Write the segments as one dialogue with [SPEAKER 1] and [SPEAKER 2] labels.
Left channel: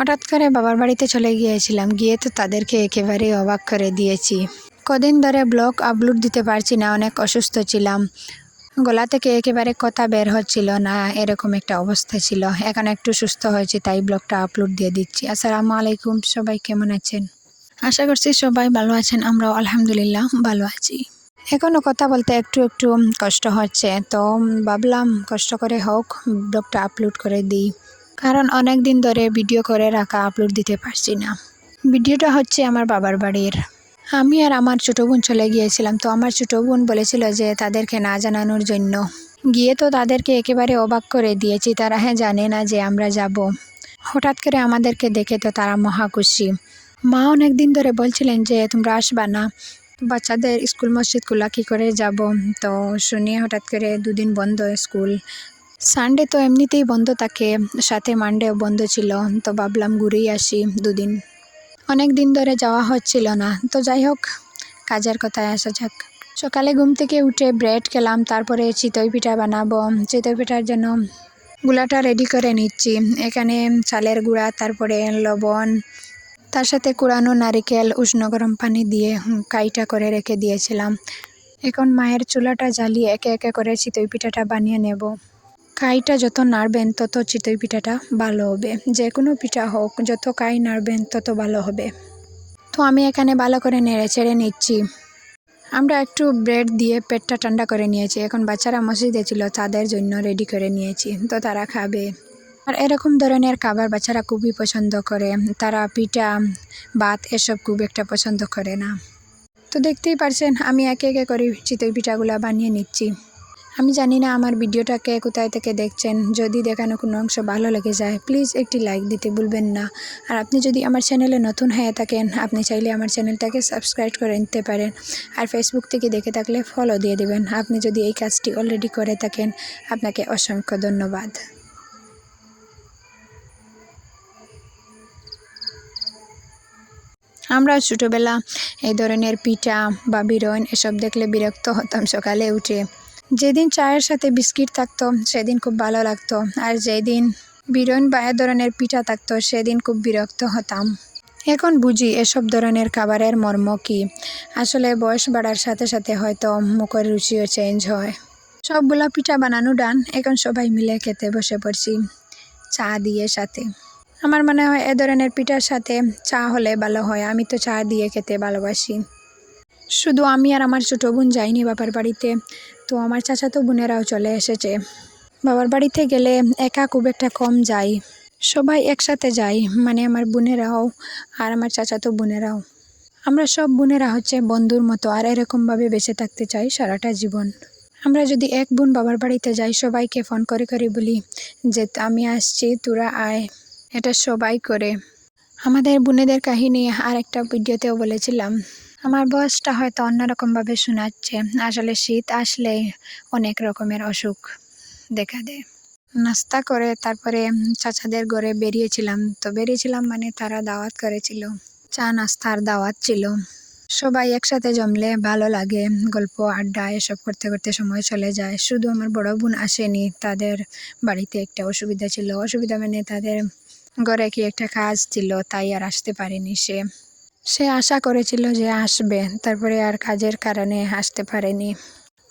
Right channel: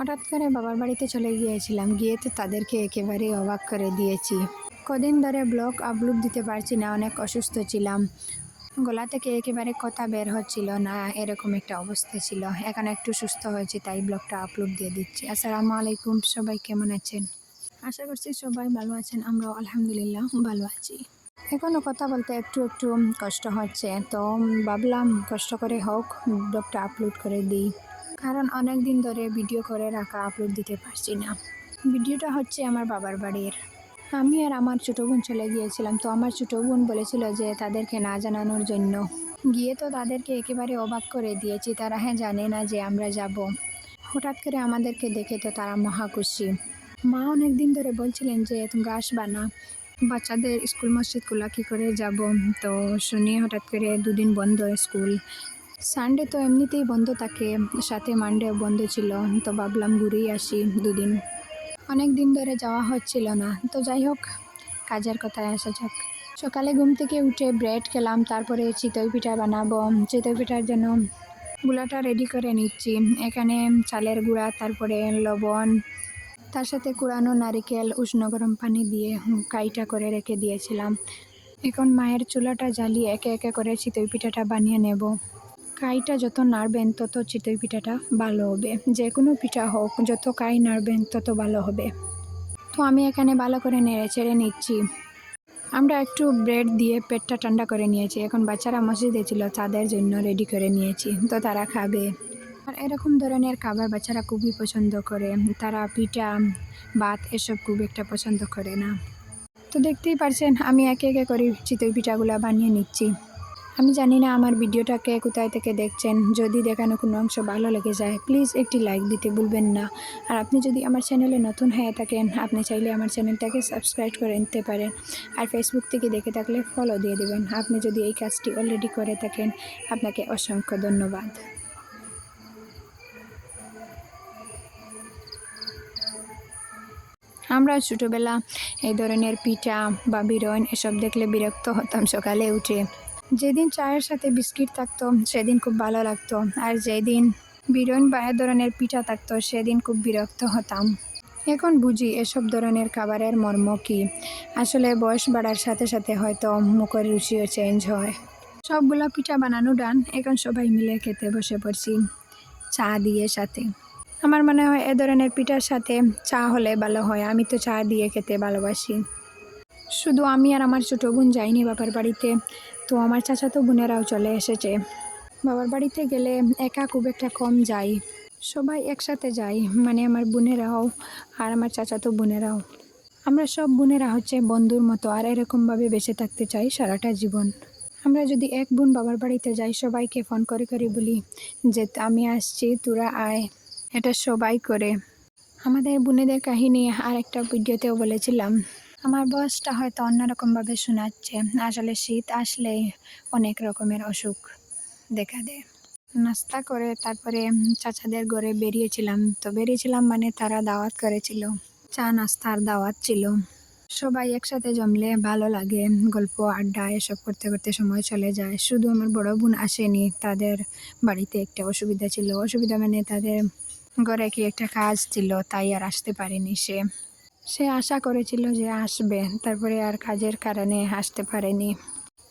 [SPEAKER 1] হঠাৎ করে বাবার বাড়িতে চলে গিয়েছিলাম। গিয়ে তো তাদেরকে একেবারে অবাক করে দিয়েছি। কদিন ধরে ব্লগ আপলোড দিতে পারছি না, অনেক অসুস্থ ছিলাম। গলা থেকে একেবারে কথা বের হচ্ছিল না, এরকম একটা অবস্থা ছিল। এখন একটু সুস্থ হয়েছে, তাই ব্লগটা আপলোড দিয়ে দিচ্ছি। আসসালামু আলাইকুম, সবাই কেমন আছেন? আশা করছি সবাই ভালো আছেন, আমরাও আলহামদুলিল্লাহ ভালো আছি। এখনও কথা বলতে একটু একটু কষ্ট হচ্ছে, তো ভাবলাম কষ্ট করে হোক, ব্লগটা আপলোড করে দিই। কারণ অনেক দিন ধরে ভিডিও করে রাখা আপলোড দিতে পারছি না। ভিডিওটা হচ্ছে আমার বাবার বাড়ির। আমি আর আমার ছোটো বোন চলে গিয়েছিলাম, তো আমার ছোটো বোন বলেছিল যে তাদেরকে না জানানোর জন্য। গিয়ে তো তাদেরকে একেবারে অবাক করে দিয়েছি, তারা হ্যাঁ জানে না যে আমরা যাব। হঠাৎ করে আমাদেরকে দেখে তো তারা মহা খুশি। মা অনেক দিন ধরে বলছিলেন যে তোমরা আসবা না, বাচ্চাদের স্কুল মসজিদগুলো কী করে যাব? তো শুনে হঠাৎ করে দুদিন বন্ধ স্কুল সানডে তো এমনিতেই বন্ধ থাকে, সাথে মানডেও বন্ধ ছিল, তো ভাবলাম ঘুরেই আসি দুদিন। অনেক দিন ধরে যাওয়া হচ্ছিল না, তো যাই হোক, কাজের কথায় আসা যাক। সকালে ঘুম থেকে উঠে ব্রেড খেলাম, তারপরে চিতই পিঠা বানাবো। চিতই পিঠার জন্য গুলাটা রেডি করে নিচ্ছি। এখানে চালের গুঁড়া, তারপরে লবণ, তার সাথে কুড়ানো নারিকেল, উষ্ণ গরম পানি দিয়ে কাইটা করে রেখে দিয়েছিলাম। এখন মায়ের চুলাটা জ্বালিয়ে একে একে করে চিতই পিঠাটা বানিয়ে নেব। কাইটা যত নাড়বেন, তত চিতই পিঠাটা ভালো হবে। যে কোনো পিঠা হোক, যত কাই নাড়বেন, তত ভালো হবে। তো আমি এখানে ভালো করে নেড়ে ছেড়ে নিচ্ছি। আমরা একটু ব্রেড দিয়ে পেটটা ঠান্ডা করে নিয়েছি। এখন বাচ্চারা মসজিদে ছিল, তাদের জন্য রেডি করে নিয়েছি। তো তারা খাবে। আর এরকম ধরনের খাবার বাচ্চারা খুবই পছন্দ করে। তারা পিঠা, ভাত এসব খুব একটা পছন্দ করে না। তো দেখতেই পারছেন, আমি একে একে করে চিতই পিঠাগুলো বানিয়ে নিচ্ছি। আমি জানি না আমার ভিডিওটাকে কোথায় থেকে দেখছেন। যদি দেখানো কোনো অংশ ভালো লেগে যায় প্লিজ একটি লাইক দিতে ভুলবেন না। আর আপনি যদি আমার চ্যানেলে নতুন হয়ে থাকেন, আপনি চাইলে আমার চ্যানেলটাকে সাবস্ক্রাইব করে নিতে পারেন। আর ফেসবুক থেকে দেখে থাকলে ফলো দিয়ে দেবেন। আপনি যদি এই কাজটি অলরেডি করে থাকেন, আপনাকে অসংখ্য ধন্যবাদ। আমরা ছোটোবেলা এই ধরনের পিঠা বা বিরন এসব দেখলে বিরক্ত হতাম সকালে উঠে। যেদিন চায়ের সাথে বিস্কিট থাকতো, সেদিন খুব ভালো লাগতো। আর যেদিন বিরন বা এ ধরনের পিঠা থাকতো, সেদিন খুব বিরক্ত হতাম। এখন বুঝি এসব ধরনের খাবারের মর্ম কী। আসলে বয়স বাড়ার সাথে সাথে হয়তো মুখের রুচিও চেঞ্জ হয়। সবগুলা পিঠা বানানো ডান এখন সবাই মিলে খেতে বসে পড়ছি চা দিয়ে সাথে। আমার মনে হয় এ ধরনের পিঠার সাথে চা হলে ভালো হয়, আমি তো চা দিয়ে খেতে ভালোবাসি। শুধু আমি আর আমার ছোটো বোন যাইনি বাবার বাড়িতে। তো আমার চাচাতো বোনেরাও চলে এসেছে। বাবার বাড়িতে গেলে একা খুব একটা কম যাই। সবাই একসাথে যাই মানে আমার বোনেরাও আর আমার চাচাতো বোনেরাও। আমরা সব বোনেরা হচ্ছে বন্ধুর মতো আর এরকমভাবে বেঁচে থাকতে চাই সারাটা জীবন। আমরা যদি এক বোন বাবার বাড়িতে যাই, সবাইকে ফোন করে করে বলি যে, আমি আসছি, তোরা আয়। এটা সবাই করে। আমাদের বোনেদের কাহিনী আর একটা ভিডিওতেও বলেছিলাম। আমার বয়সটা হয়তো অন্যরকমভাবে শোনাচ্ছে। আসলে শীত আসলে অনেক রকমের অসুখ দেখা দেয়। নাস্তা করে তারপরে চাচাদের ঘরে বেরিয়েছিলাম। তো বেরিয়েছিলাম মানে তারা দাওয়াত করেছিল। চা নাস্তার দাওয়াত ছিল। সবাই একসাথে জমলে ভালো লাগে। গল্প, আড্ডা এসব করতে করতে সময় চলে যায়। শুধু আমার বড় বোন আসেনি। তাদের বাড়িতে একটা অসুবিধা ছিল। অসুবিধা মানে তাদের ঘরে কি একটা কাজ ছিল, তাই আর আসতে পারেনি সে। সে আশা করেছিল যে আসবে, তারপরে আর কাজের কারণে আসতে পারেনি।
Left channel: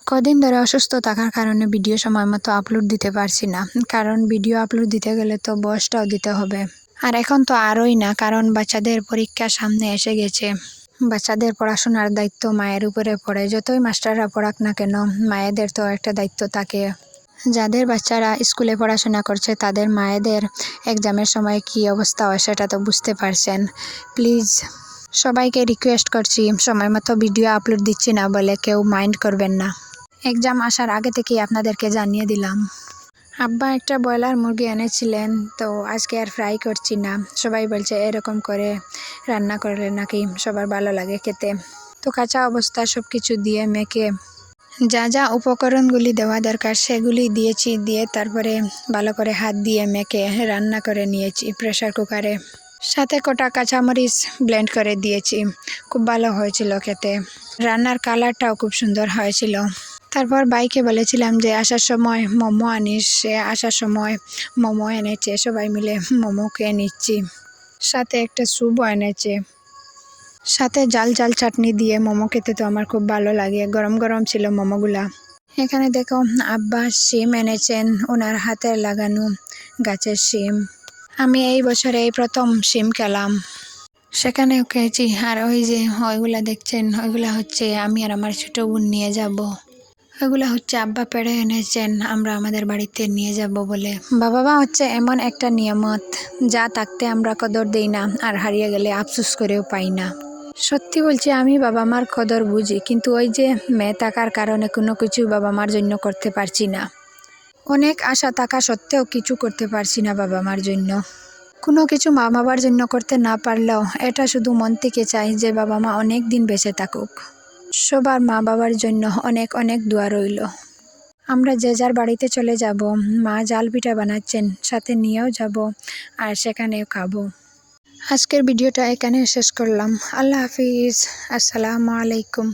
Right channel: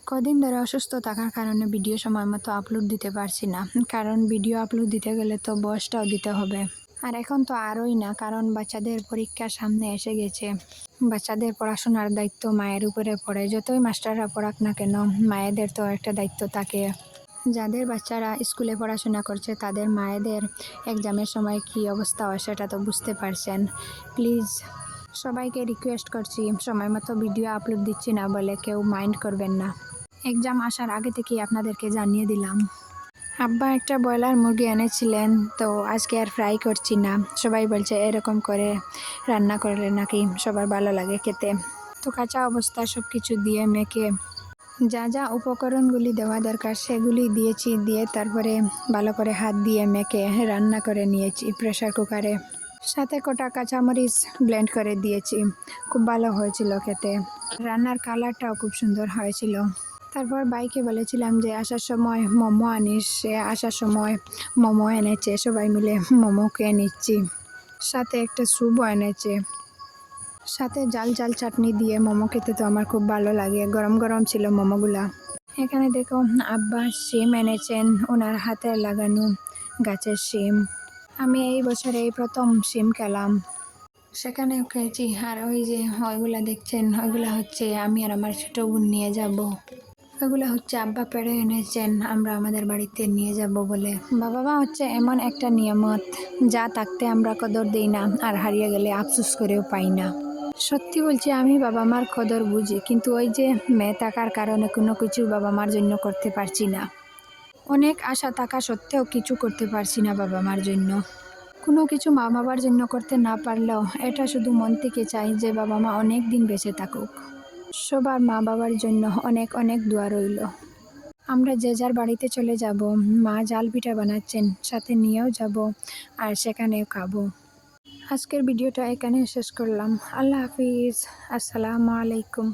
[SPEAKER 1] কদিন ধরে অসুস্থ থাকার কারণে ভিডিও সময় মতো আপলোড দিতে পারছি না, কারণ ভিডিও আপলোড দিতে গেলে তো বয়সটাও দিতে হবে। আর এখন তো আরোই না, কারণ বাচ্চাদের পরীক্ষা সামনে এসে গেছে। বাচ্চাদের পড়াশোনার দায়িত্ব মায়ের উপরে পড়ে, যতই মাস্টাররা পড়াক না কেন, মায়েদের তো একটা দায়িত্ব থাকে। যাদের বাচ্চারা স্কুলে পড়াশোনা করছে, তাদের মায়েদের এক্সামের সময় কী অবস্থা হয় সেটা তো বুঝতে পারছেন। প্লিজ সবাইকে রিকোয়েস্ট করছি, সময় মতো ভিডিও আপলোড দিচ্ছি না বলে কেউ মাইন্ড করবেন না। এক্সাম আসার আগে থেকেই আপনাদেরকে জানিয়ে দিলাম। আব্বা একটা ব্রয়লার মুরগি এনেছিলেন, তো আজকে আর ফ্রাই করছি না। সবাই বলছে, এরকম করে রান্না করলে নাকি সবার ভালো লাগে খেতে। তো কাঁচা অবস্থা সব কিছু দিয়ে মেখে যা যা উপকরণগুলি দেওয়া দরকার সেগুলি দিয়েছি, দিয়ে তারপরে ভালো করে হাত দিয়ে মেখে রান্না করে নিয়েছি প্রেশার কুকারে সাথে কটা কাঁচামরিচ ব্লেন্ড করে দিয়েছি। খুব ভালো হয়েছিল খেতে। রান্নার কালারটাও খুব সুন্দর হয়েছিল। তারপর বাইকে বলেছিলাম যে আসার সময় মোমো আনিস, সে আসার সময় মোমো এনেছে, সবাই মিলে মোমো খেয়ে নিচ্ছি। সাথে একটা স্যুপও এনেছে। সাথে জাল জাল চাটনি দিয়ে মোমো খেতে তো আমার খুব ভালো লাগে, গরম গরম ছিল মোমোগুলা। এখানে দেখো আব্বা শিম এনেছেন, ওনার হাতের লাগানো গাছের শিম। আমি এই বছরে এই প্রথম সিম খেলাম সেখানেও খেয়েছি আর ওই যে ওইগুলা দেখছেন, ওইগুলা হচ্ছে আমি আর আমার ছোটো বোন নিয়ে যাব। ওইগুলা হচ্ছে আব্বা পেড়ে এনেছেন, আমরা আমাদের বাড়িতে নিয়ে যাব বলে। বাবা মা হচ্ছে এমন একটা নিয়ামত, যা থাকতে আমরা কদর দেই না, আর হারিয়ে গেলে আফসোস করেও পাই না। সত্যি বলছি, আমি বাবা মার কদর বুঝি, কিন্তু ওই যে মেয়ে থাকার কারণে কোনো কিছু বাবা মার জন্য করতে পারছি না। অনেক আশা থাকা সত্ত্বেও কিছু করতে পারছি না বাবা মার জন্য। কোনো কিছু মা বাবার জন্য করতে না পারলেও এটা শুধু মন থেকে চাই যে বাবা মা অনেক দিন বেঁচে থাকুক। সবার মা বাবার জন্য অনেক অনেক দোয়া রইল। আমরা যে যার বাড়িতে চলে যাব, মা জাল পিঠা বানাচ্ছেন, সাথে নিয়েও যাব আর সেখানেও খাব। আজকের ভিডিওটা এখানে শেষ করলাম। আল্লাহ হাফিজ। আসসালামু আলাইকুম।